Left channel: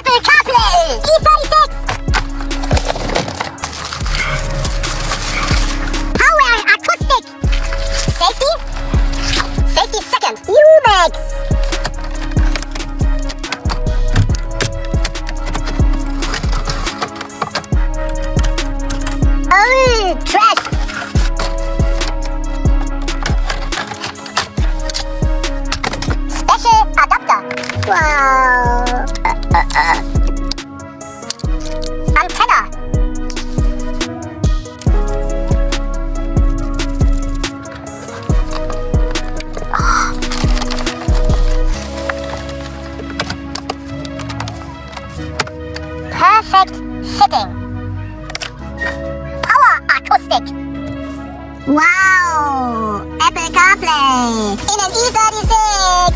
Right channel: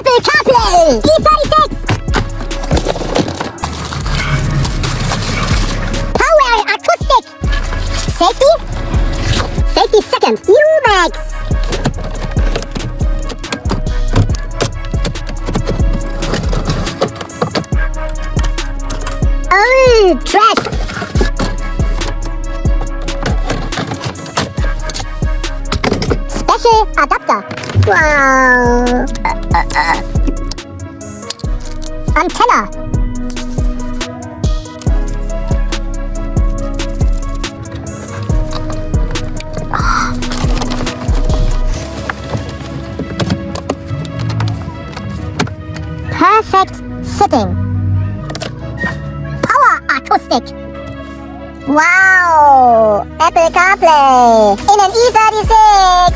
Apple Carplay E36. Power acoustic. Safety second. UMAX. Trash. Special adapter. Antenna. Perfect fitting. Acoustic. Wow! Apple CarPlay in an E36.